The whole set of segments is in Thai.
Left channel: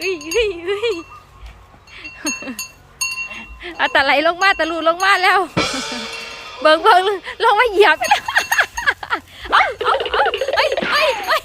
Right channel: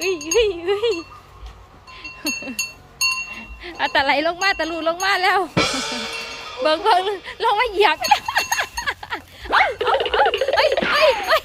เฮ้ยเฮ้ยเฮ้ยเอาตะไหลลงมาตะลูลงมาแล้ว เบิ่งเบิ่งลงมาเหยียบเอาเอาเอาเอ้ยเอ้ยเอ้ย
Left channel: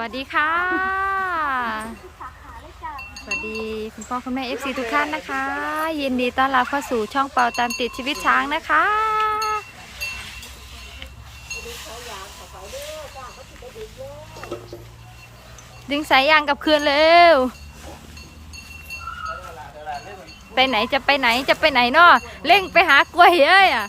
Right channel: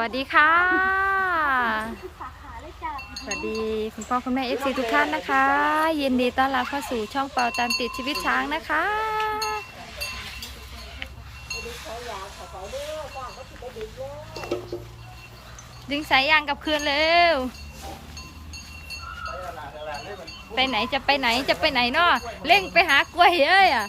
วัสดีค่ะ สวัสดีคุณพ่อคุณแม่เอฟซีทุกท่านนะคะ ยินดีต้อนรับเข้าสู่ช่องเป่าตามติดชีวิตช้างนะคะ ดึงสายยางกับคืนเร็ว ไปไหนจะไปไหนจะไปไหนเนาะเร่งไปหากล้วยเอ้ยอะ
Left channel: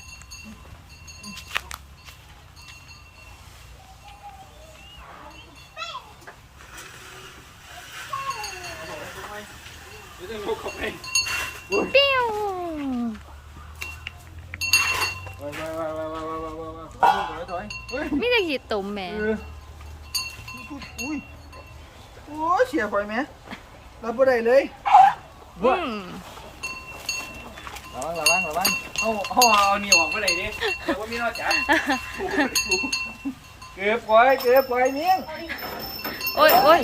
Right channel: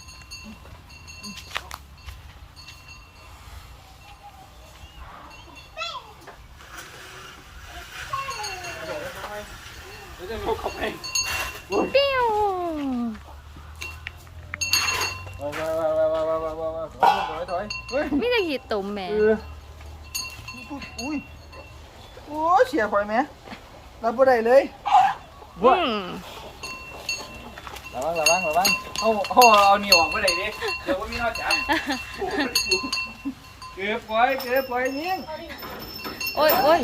ปิ้วไม่ได้ขีดตุ่มแหม่อุ้ยโอ้เสียข่อยไหมรับบ่ได้เลยอืมระวังระวังระวังโอ้โหเอาเหนียวออกบ่ได้ดิเดี๋ยวว่ามีนอจับเก็บไว้เก็บไว้เนี้ยโอ้ยโอ้ย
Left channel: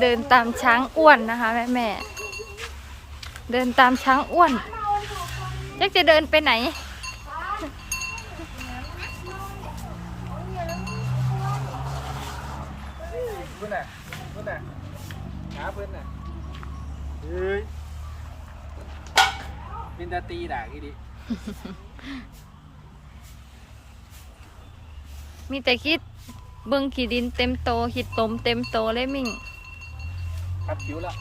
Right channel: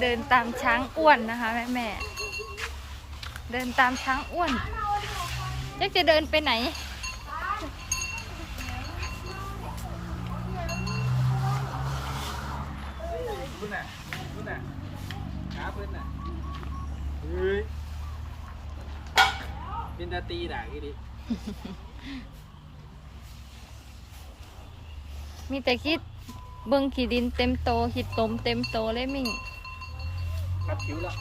เดินตามช้างอ้วนนะคะแม่แม่ เดินตามช้างอ้วนจักจะเดินไปไหนเพิ่นน่ะเพิ่นน่ะหาเพิ่นน่ะเฮ้ยเป็นตาตีด่างอีดิมีแต่คิดเบิ่งขีดินเต็มโตขีดตมเต็มโตเลยมิ่ง คัดผิวแล้ว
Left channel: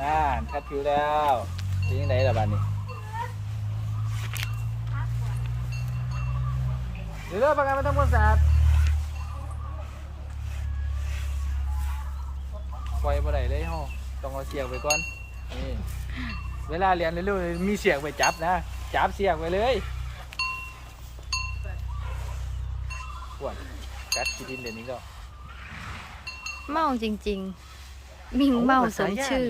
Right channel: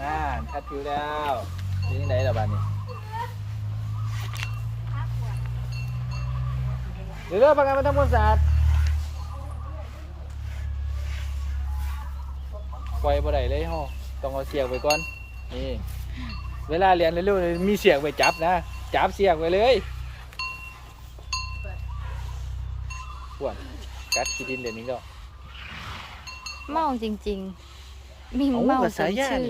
น่าคัดผิวแล้วเป็นยังไงล่ะบ้านนี้เดี๋ยวเริ่มประกันมาทำความสะอาดปล่อยบ่ได้เลยฮาต้องเอาเสียกไปก่อนนี่เวลาเรียนเร็วๆมีเสียกไปจับนะ จับเสียกไปเลยส่วนกัดขี้ดินเดี๋ยวนี้ก็เมาจริง ๆ มิ่งเมาสมชื่อ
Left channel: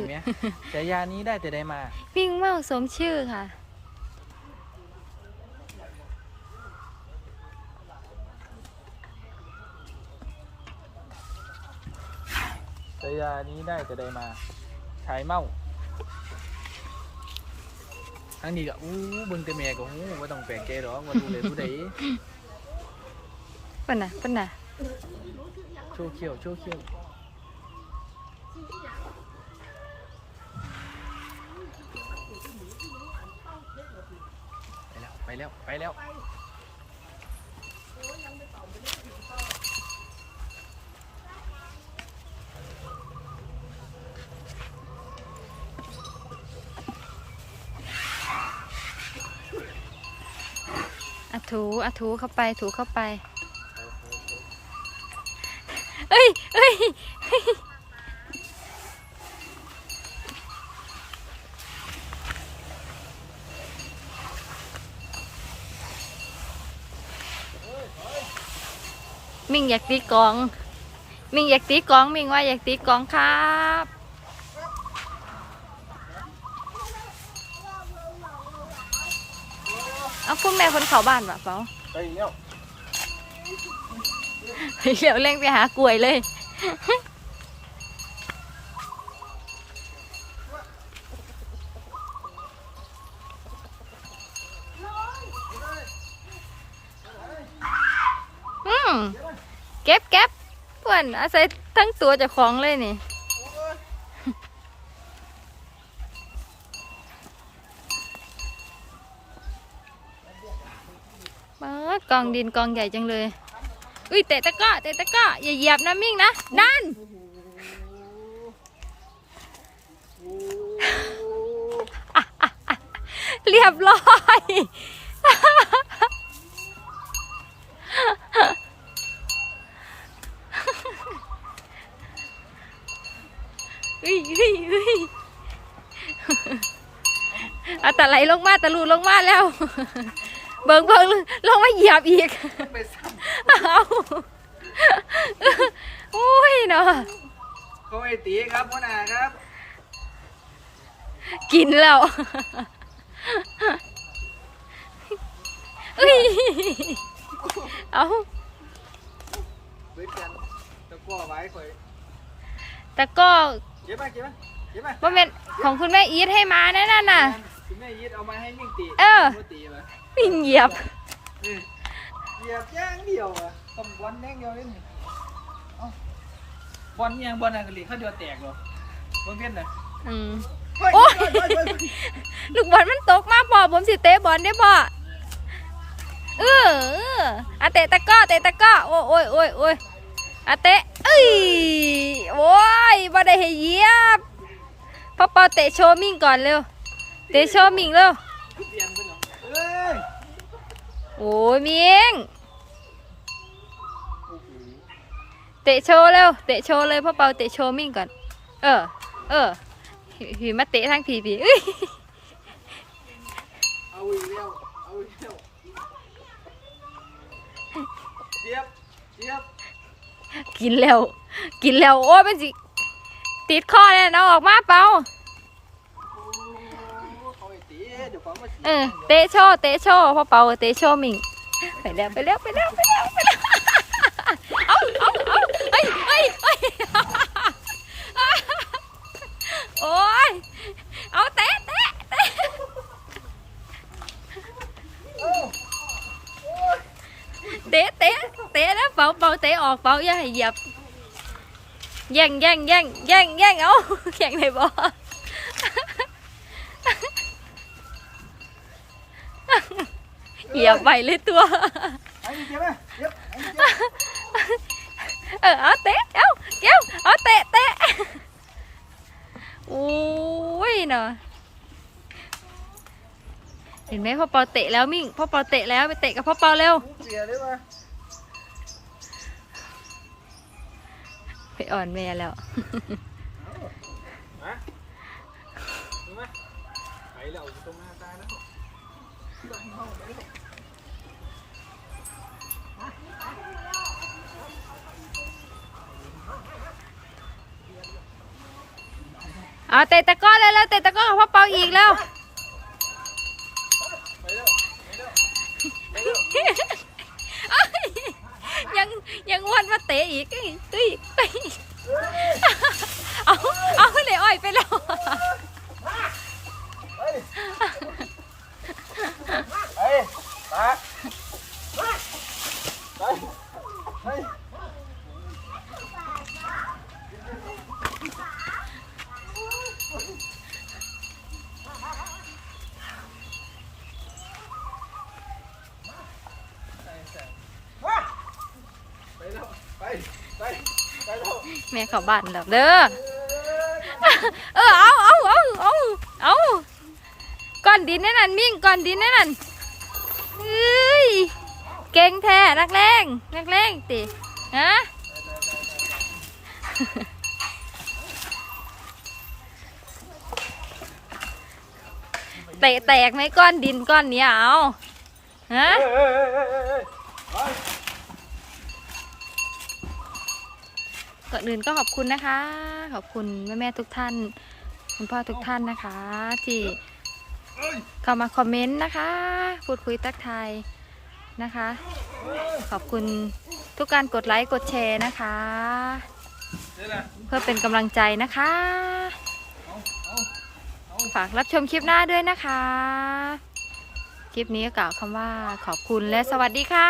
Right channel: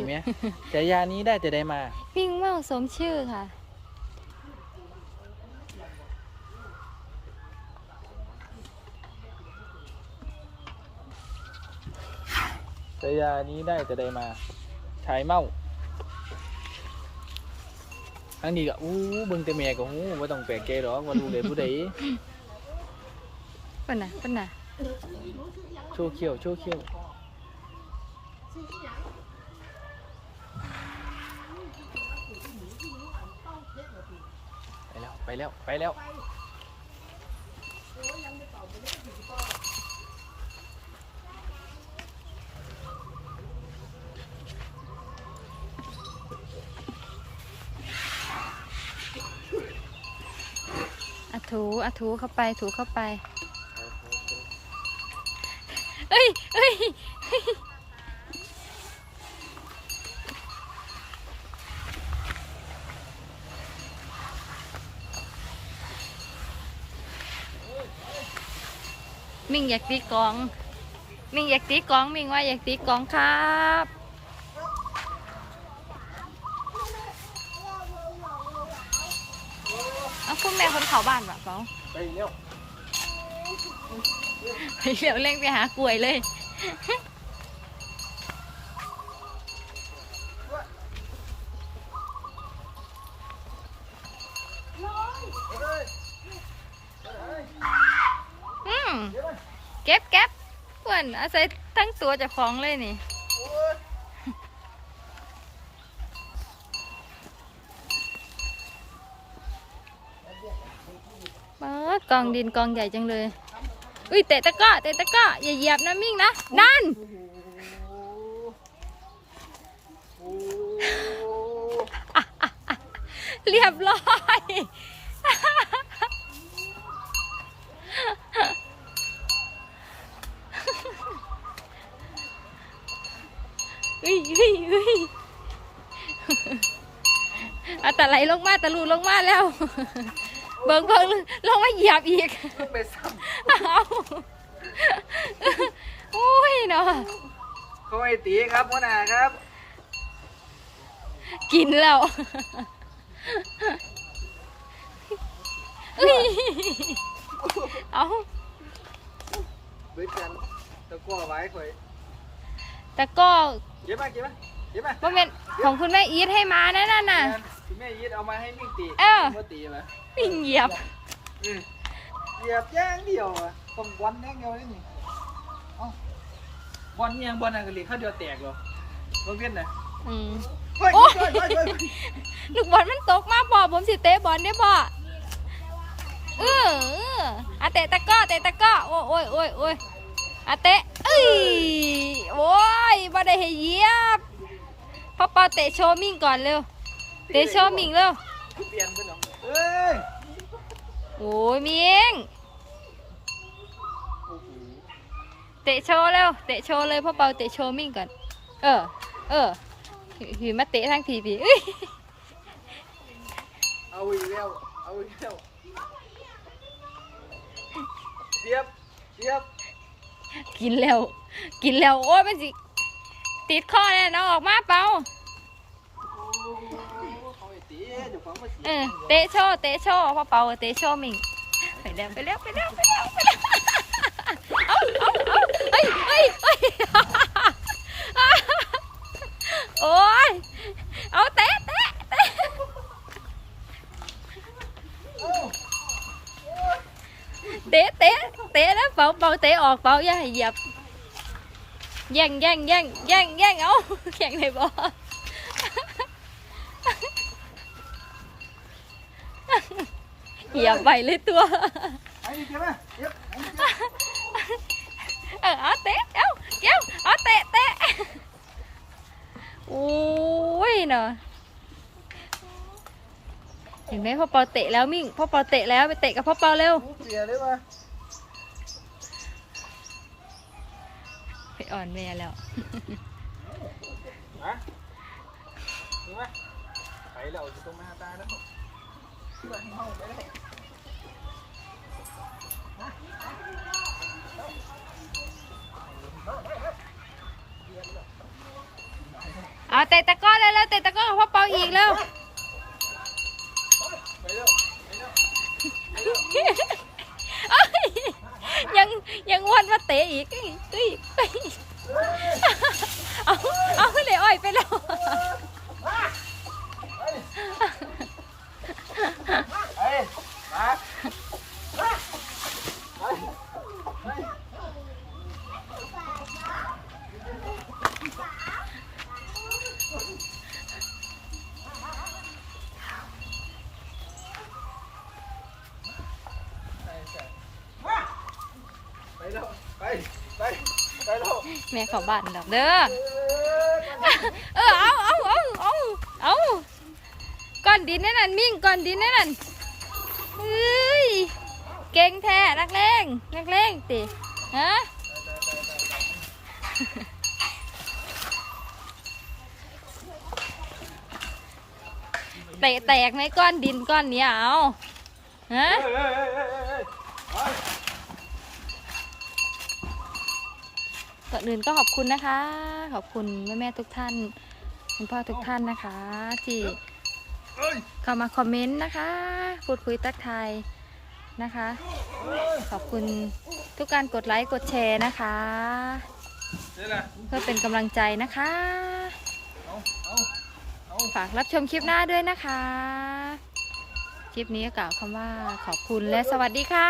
แต่ยานี้ได้แต่ได้มา มิ่งเมาสมชื่อค่ะแต่ยานี้ได้แต่ได้มาชายเมาอันนี้ก็อู้เบิ่งแต่แม่ก็ฮู้บ่ต้องแปลกใจหรอกว่ารู้เลยผู้ใดปะนะปะนะโชว์เขี้ยวโชว์เขี้ยว ไปแล้ว ไปแล้ว ไปแล้วอะถูอะถูเข้าไป ถูเข้าไป เอ้ยเอ้ย มิงอยากตีกลอง มิงอยากตีกลอง มิงว่าอยากตีกลองครับเอาคุณแม่คนเขาบ้านวะเปล่าไปแล้วเดี๋ยวเร่งไปหากล้วยเลย เก็บเก็บเพื่อนอาศัยทั้งตัวเจะของเลยนี่มากองดินกองใหญ่จังเลย อุ้ยเตะตะกร้อเตะตะกร้ออย่าเหยียบนะมิ่งนะ นั่นโอ้เรียบร้อย อ เฮ้ยเฮ้ยเฮ้ยเอาแต่ไหลลงมาตะลูลงมาแล้ว เบิ่งเบิ่งลงมาเหยียบอีกมันไปซ้เอาโอ้ยเนาะำเขาไอ้ตีครับหัวหน้าครับกินแล้วเอ้ยเอา เบิดกันตะกั่วไว้ข่อย แต่ก็เก็บมาเก็บมาเก็บมาว่าเป็นของคุณแม่อีทให้มาแน่นอนน่ะ คุณแม่ยึดเอามาให้มิ่งตีเออว่าตีมาวิ่งเหยียบ อืมเหยียบย่างเดียวอะต้องบอลอย่างเดียวเลยนี่เอ้าบอลยังบอลอะไรข้าวเดียวแตกเหรอเบิ่งเพี้ยนน่ะอืม เฮ้ยโอ้ยเฮ้ยเฮ้ยเฮ้ยลูกบอลมันตกมาพ่อผมสิเตะบอลได้พ่อเออเอออะเตะตะกร้อเตะตะกร้อโอ้ยโอ้ยโอ้ยโอ้ยอะเตะเอ้ ยโอ้ยบ่ได้ให้เหยียบพ่อปาเตะโชว์มิ่งก่อนเร็ว เตะโชว์มิ่งเร็ว เปลี่ยนไปหรอเอ้ยโอ้ยมิ่งโอ้โหเตะโชว์เร็ว เตะโชว์เลยพ่อเปาเตะโชว์มิ่งก่อน เออ เออผีมาเตะทั้งทีผีเอ้ยเอาอีกแล้วเอาอีกแล้วเสียบเสียบ กินแล้ว กินแล้วโอ้ยเป็นสิ ติดคอเลยน้องออกมาเปาโอ้เขาไอ้ตีเดี๋ยวฟังว่าเสียเออเตะโชว์เตะโชว์พ่อเปาเตะโชว์มิ่งไปแล้วไปแล้วไปแล้วไปแล้วไปแล้วเอาเอาเอาเอ้ยเอ้ยเอ้ยโอ้ยเอาเตะเตะเตะเอ้าเตะเตะ เตะนะเปาเปาเตะออกเปาอย่าให้เหยียบแย่งแย่งแย่งแย่งแย่งเอาแย่งเลยบอเหยียบไปเลยตัวไอ้นี่เจ็บไหมเจ็บไอ้นี่เจ็บเออเอาเตะเอาเดี๋ยวเอาเตะเตะโอ้ยเนาะเห็นไหมพ่อเปาเตะแล้วมิ่งพ่อเปาเตะแล้วไปเตะกับพ่อเปาเร็ว อ่อนแม่แล้วเอามาดูมาไปแล้วอยู่ตรงหน้าตาแล้วที่บ้ห้องไปแล้วเอาเตะตะก้อเลยแล้วเตะตะก้อพ่อเปาอีกแล้วไปแล้วไปแล้วยยังยังวนมาเตะอีกเอ้ยเอ้ยเอ้ยเอาเอาเลยอ้อยไปแล้ว เฮ้ยเฮ้ยมาไปไป ไปไปแล้วไปไปไป แม่เข้าบ้านแล้วเด้อเออเอาเอาเอาเอาเอาก้อนดินนั่นน่ะมิ่งก้อนดินนั่นน่ะเฮ้ยเก่งแท้นักเลงนักเลงติฮะเตะแตกไหมก้อนดินก้อนเนี้ยเอาฮะ ก่อนอื่นก็ขอบคุณนะคะ ขอบคุณแม่แม่ๆทุกท่าน คุณพ่อทุกท่านนะคะ ที่เข้ามาคอมเมนต์นะคะ พูดคุยทักทยนะคะ ขอบคุณทุกการกดไลค์กดแชร์นะคะ เพื่อเป็นกำลังใจนะคะ ฝากรับชมคลิปหน้าด้วยนะคะ คลิปนี้ก็กล่าวคำว่าขอบคุณและสวัสดีค่ะ